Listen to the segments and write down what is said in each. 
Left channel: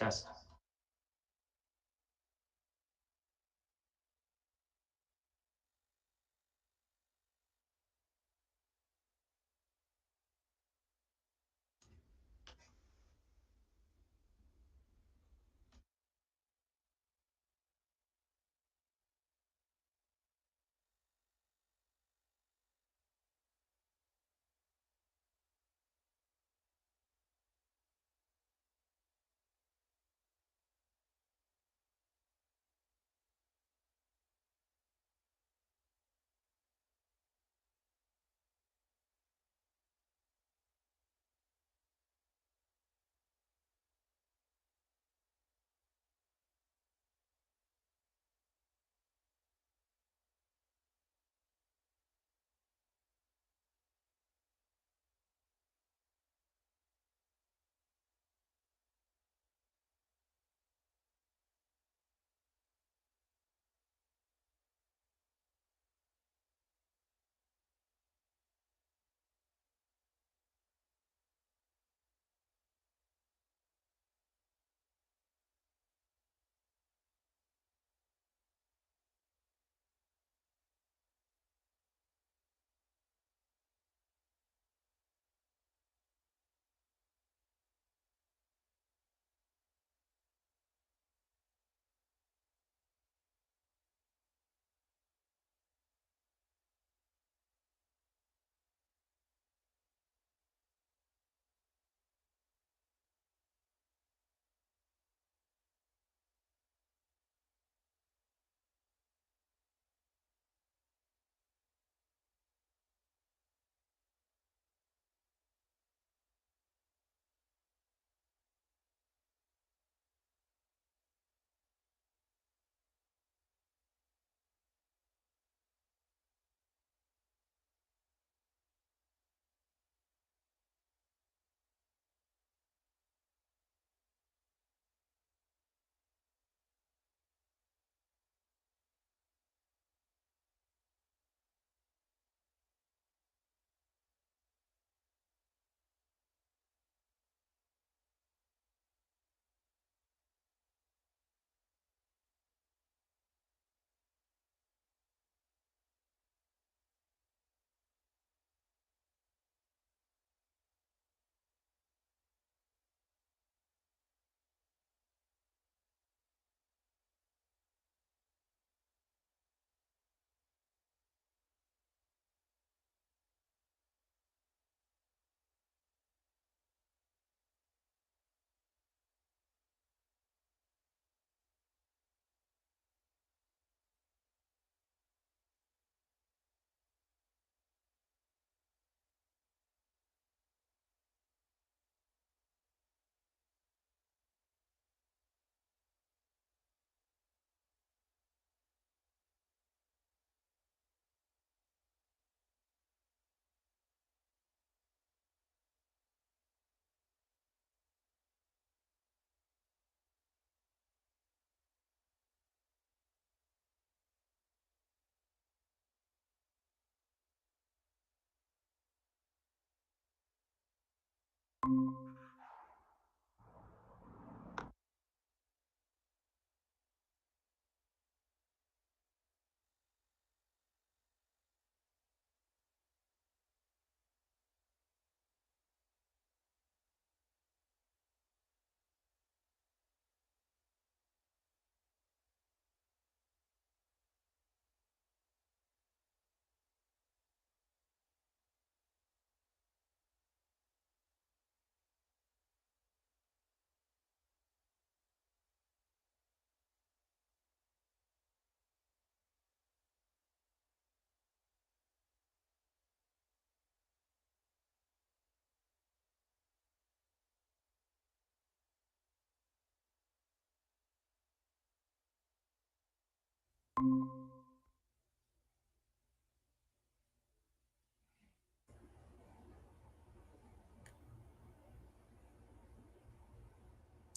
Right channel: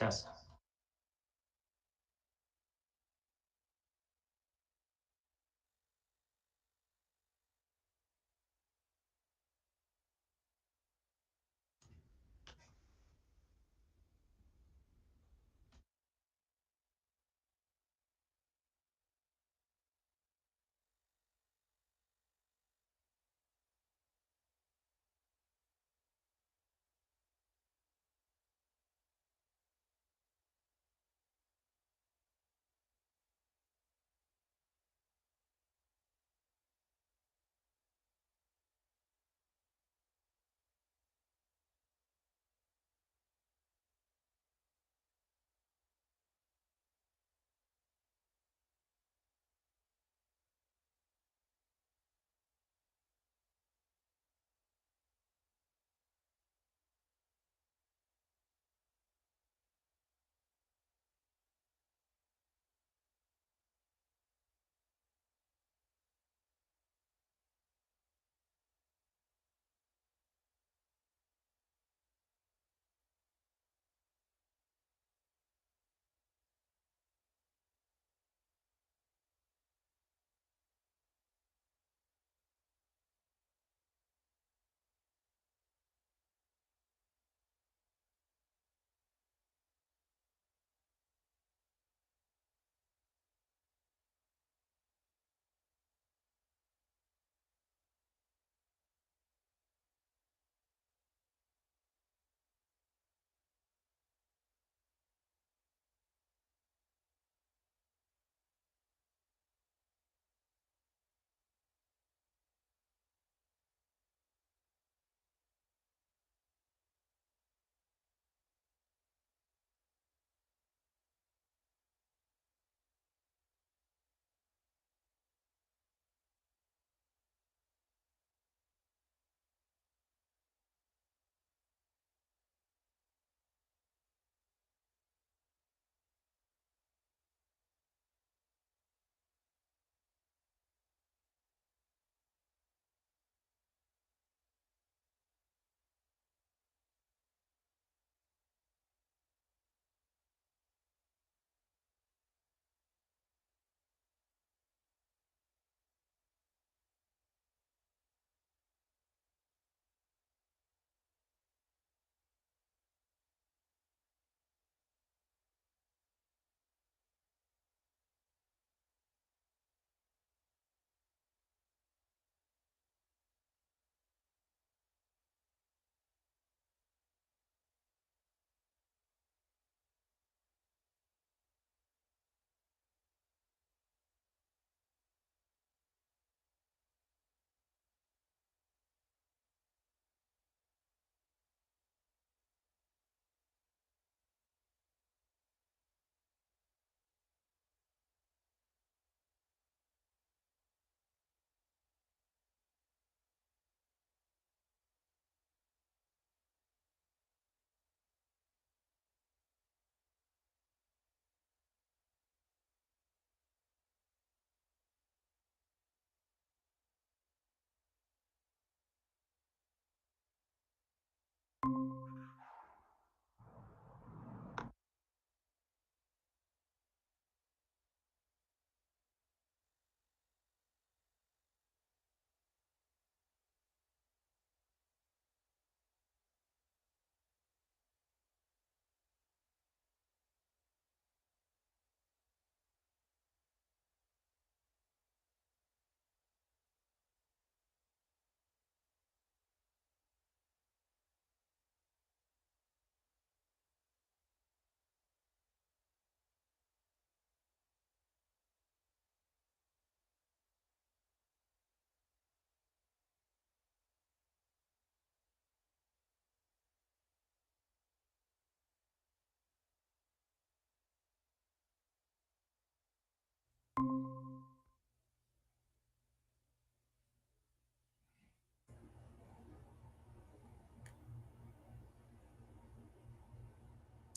Test.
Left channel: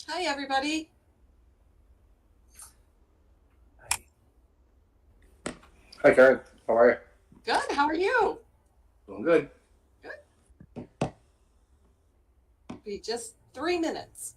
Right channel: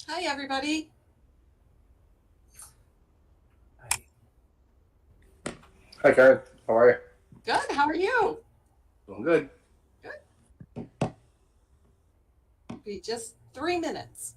Hi, everybody. Hi, Karen. How are you? Good. How are you? Doing good. Good. Be just 3 minutes.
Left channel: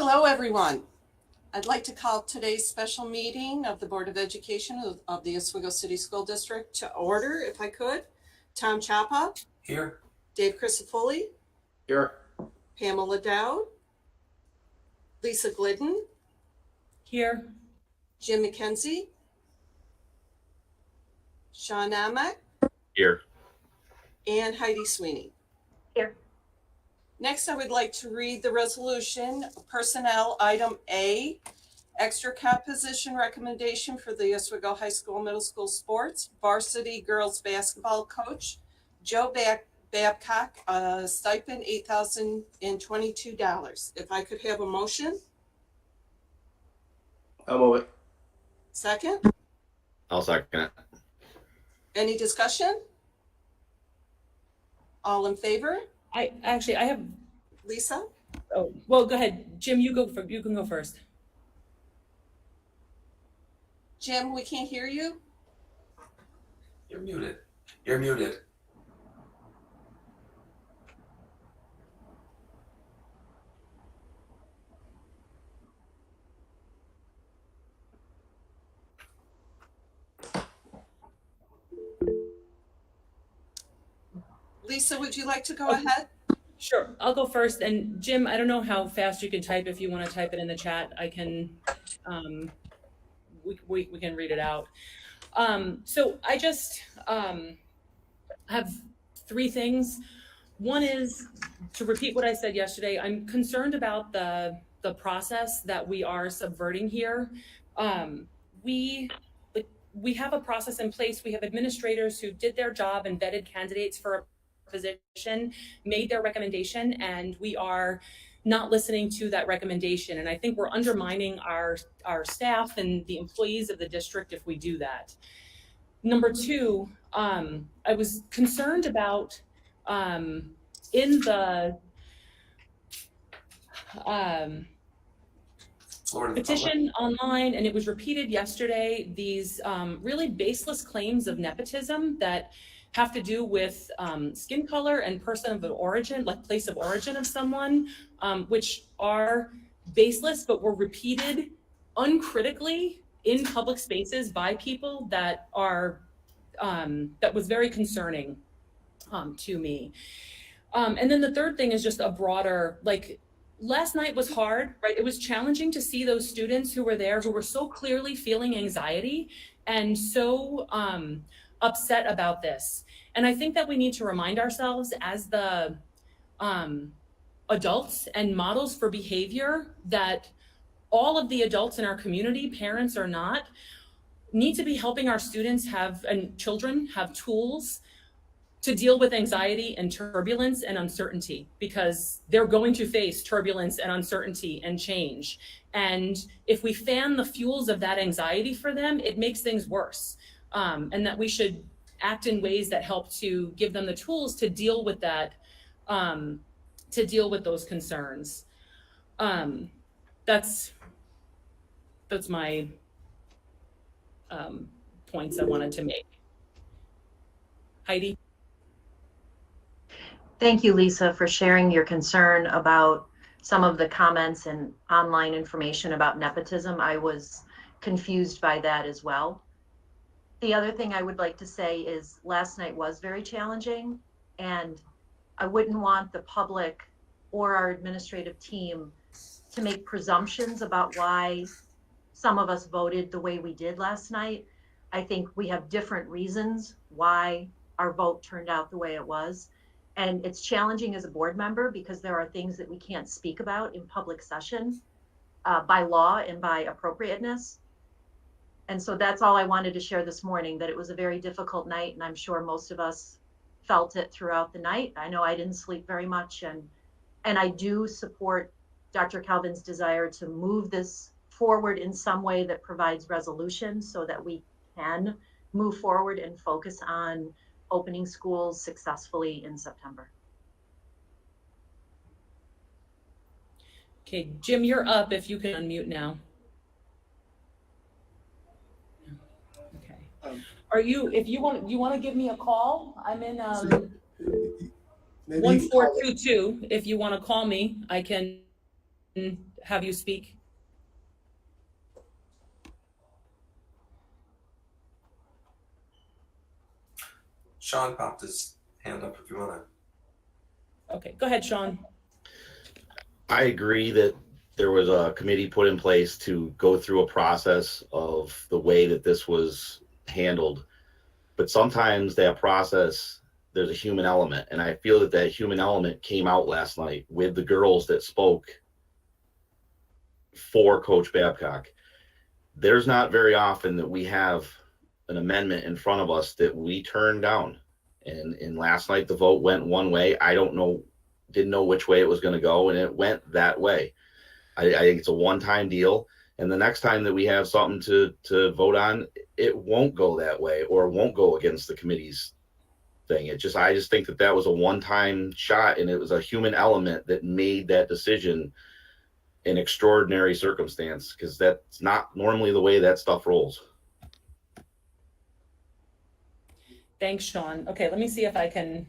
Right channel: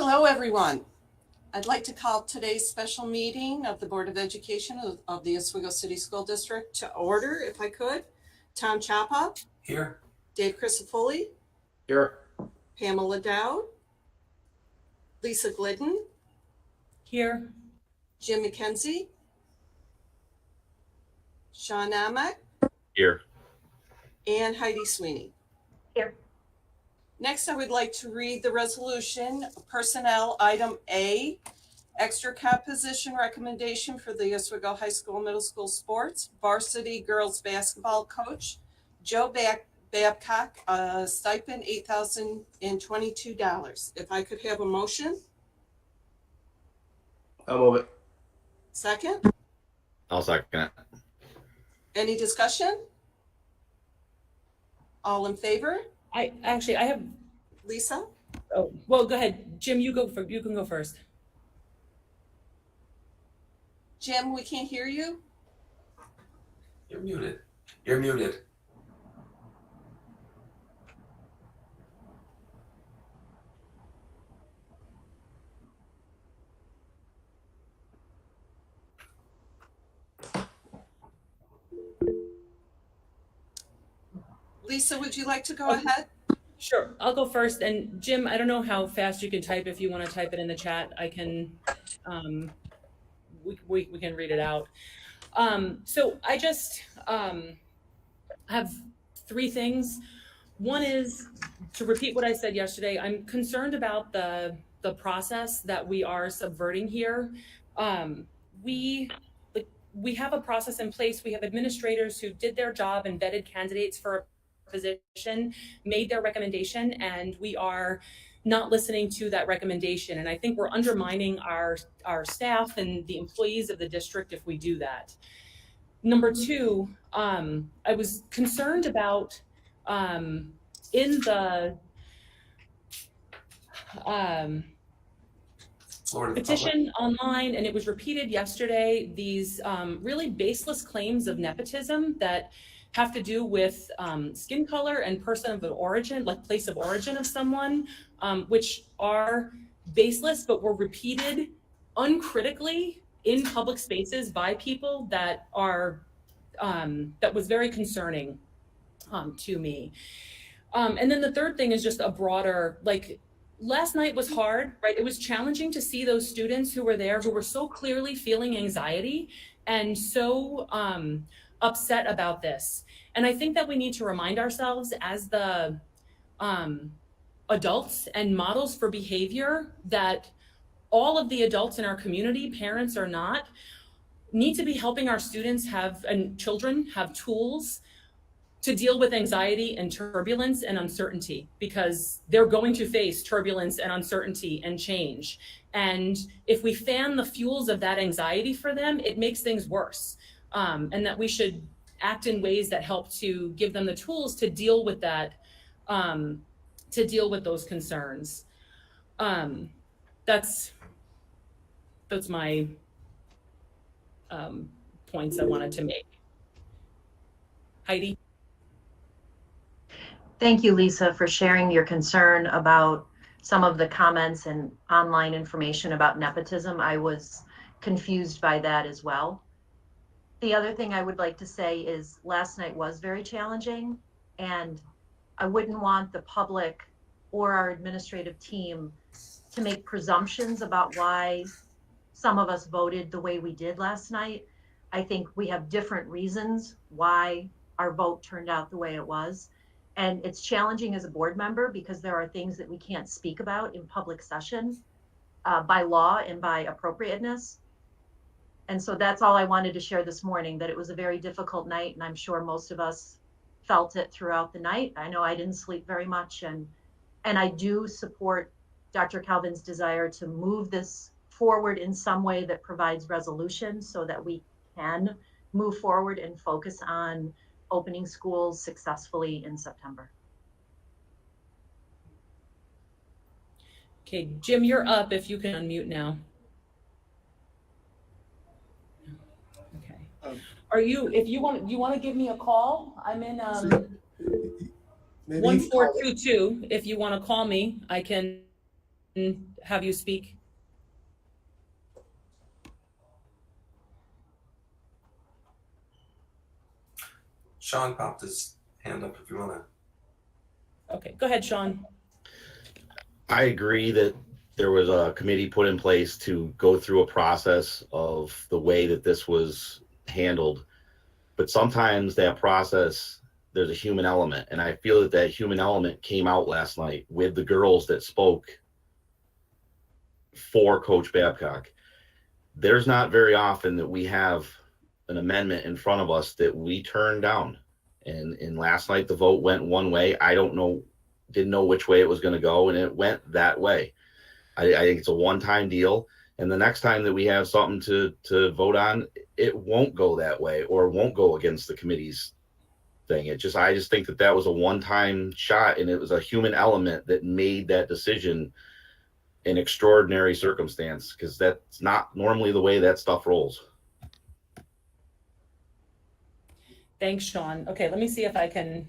Hello, everyone. I'd like to call today's special meeting of the Board of Education of the Oswego City School District to order, if I could. Tom Chapa. Here. Dave Crisafulli. Here. Pamela Dowd. Lisa Glidden. Here. Jim McKenzie. Sean Amek. Here. And Heidi Sweeney. Here. Next, I would like to read the resolution, Personnel Item A, Extra Cap Position Recommendation for the Oswego High School Middle School Sports, Varsity Girls Basketball Coach, Joe Babcock, stipend $8,022. If I could have a motion? I'll move it. Second? I'll second it. Any discussion? All in favor? I have. Lisa? Oh, well, go ahead, Jim. You can go first. Jim, we can't hear you. You're muted. You're muted. Lisa, would you like to go ahead? Sure, I'll go first. And Jim, I don't know how fast you can type. If you want to type it in the chat, I can. We can read it out. So I just have three things. One is to repeat what I said yesterday. I'm concerned about the process that we are subverting here. We have a process in place. We have administrators who did their job and vetted candidates for a position, made their recommendation, and we are not listening to that recommendation. And I think we're undermining our staff and the employees of the district if we do that. Number two, I was concerned about in the petition online, and it was repeated yesterday, these really baseless claims of nepotism that have to do with skin color and person of origin, like place of origin of someone, which are baseless, but were repeated uncritically in public spaces by people that are, that was very concerning to me. And then the third thing is just a broader, like, last night was hard, right? It was challenging to see those students who were there, who were so clearly feeling anxiety and so upset about this. And I think that we need to remind ourselves as the adults and models for behavior that all of the adults in our community, parents or not, need to be helping our students have, and children have, tools to deal with anxiety and turbulence and uncertainty, because they're going to face turbulence and uncertainty and change. And if we fan the fuels of that anxiety for them, it makes things worse. And that we should act in ways that help to give them the tools to deal with that, to deal with those concerns. That's my points I wanted to make. Heidi? Thank you, Lisa, for sharing your concern about some of the comments and online information about nepotism. I was confused by that as well. The other thing I would like to say is last night was very challenging, and I wouldn't want the public or our administrative team to make presumptions about why some of us voted the way we did last night. I think we have different reasons why our vote turned out the way it was. And it's challenging as a board member because there are things that we can't speak about in public session by law and by appropriateness. And so that's all I wanted to share this morning, that it was a very difficult night, and I'm sure most of us felt it throughout the night. I know I didn't sleep very much, and I do support Dr. Calvin's desire to move this forward in some way that provides resolution so that we can move forward and focus on opening schools successfully in September. Okay, Jim, you're up if you can unmute now. Okay. Are you, if you want to give me a call? I'm in 1422. If you want to call me, I can have you speak. Sean popped his hand up if you want to. Okay, go ahead, Sean. I agree that there was a committee put in place to go through a process of the way that this was handled. But sometimes that process, there's a human element. And I feel that that human element came out last night with the girls that spoke for Coach Babcock. There's not very often that we have an amendment in front of us that we turn down. And last night the vote went one way. I didn't know which way it was going to go, and it went that way. I think it's a one-time deal. And the next time that we have something to vote on, it won't go that way or won't go against the committee's thing. I just think that was a one-time shot, and it was a human element that made that decision an extraordinary circumstance, because that's not normally the way that stuff rolls. Thanks, Sean. Okay, let me see if I can.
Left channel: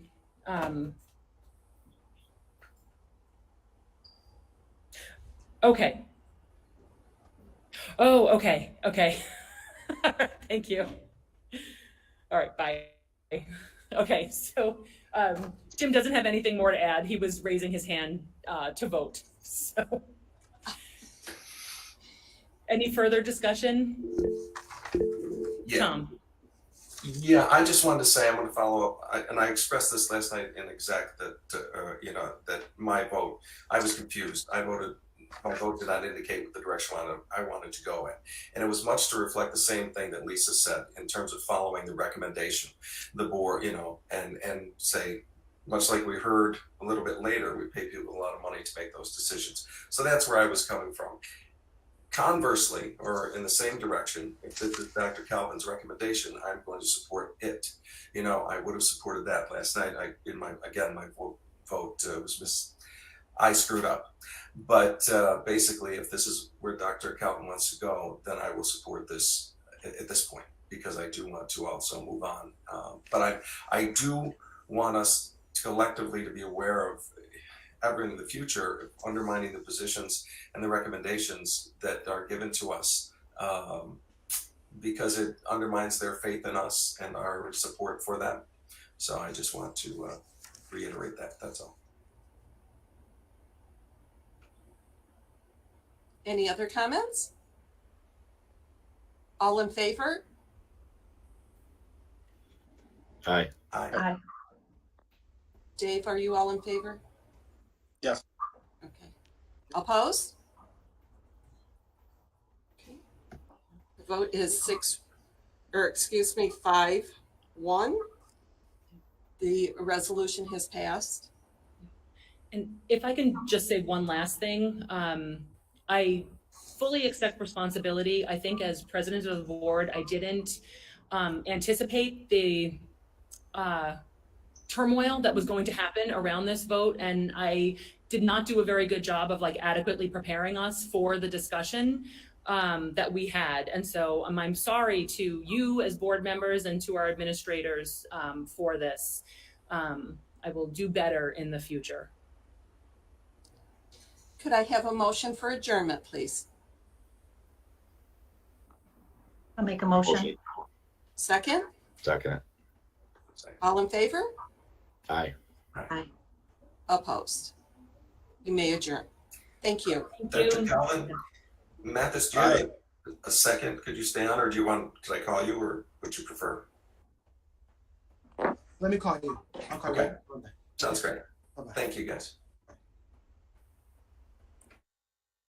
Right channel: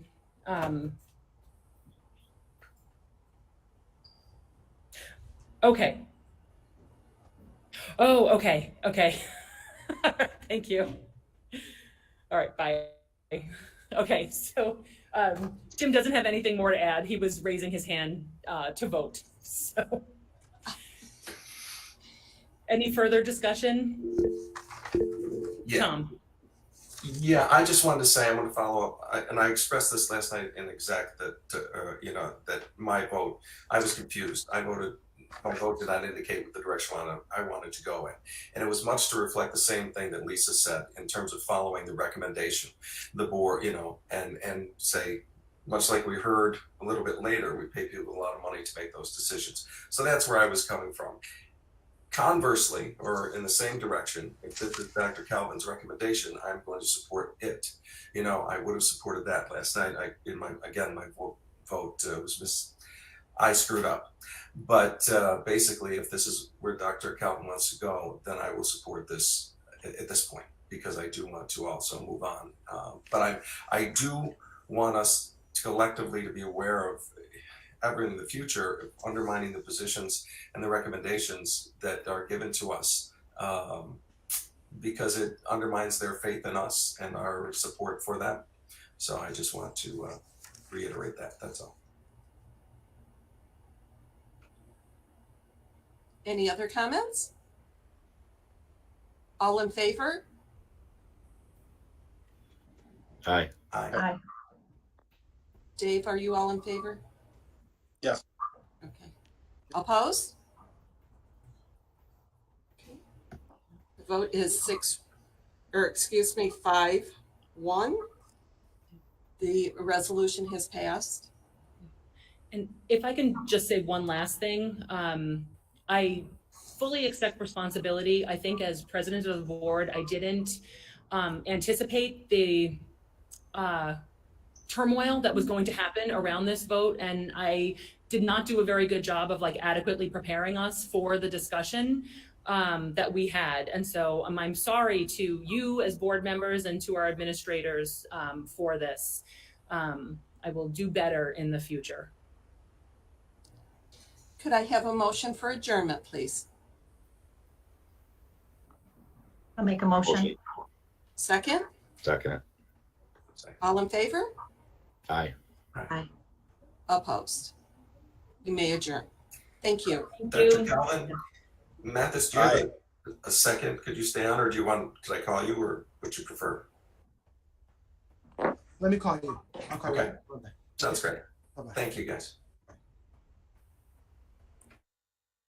Okay. Oh, okay. Okay. Thank you. All right, bye. Okay, so Jim doesn't have anything more to add. He was raising his hand to vote. So, any further discussion? Yeah. Tom. Yeah, I just wanted to say I'm going to follow up, and I expressed this last night in exec that that my vote, I was confused. My vote did not indicate what the direction I wanted to go in, and it was much to reflect the same thing that Lisa said in terms of following the recommendation, the board, and say, much like we heard a little bit later, we pay people a lot of money to make those decisions. So that's where I was coming from. Conversely, or in the same direction, if this is Dr. Calvin's recommendation, I'm going to support it. I would have supported that last night. My vote was I screwed up. But basically, if this is where Dr. Calvin wants to go, then I will support this at this point, because I do want to also move on. But I do want us collectively to be aware of ever in the future undermining the positions and the recommendations that are given to us, because it undermines their faith in us and our support for them. So I just want to reiterate that. That's all. Any other comments? All in favor? Aye. Aye. Dave, are you all in favor? Yes. Okay. Opposed? Okay. The vote is 5-1. The resolution has passed. And if I can just say one last thing, I fully accept responsibility. I think as president of the board, I didn't anticipate the turmoil that was going to happen around this vote, and I did not do a very good job of adequately preparing us for the discussion that we had. And so I'm sorry to you as board members and to our administrators for this. I will do better in the future. Could I have a motion for adjournment, please? I'll make a motion. Second? Second. All in favor? Aye. Aye. Opposed? You may adjourn. Thank you. Thank Dr. you. Calvin, Mathis, do you have a second? Could you stay on, or could I call you, or would you prefer? Let me call you. I'll call Okay. you. Sounds great. Bye-bye. Thank you, guys.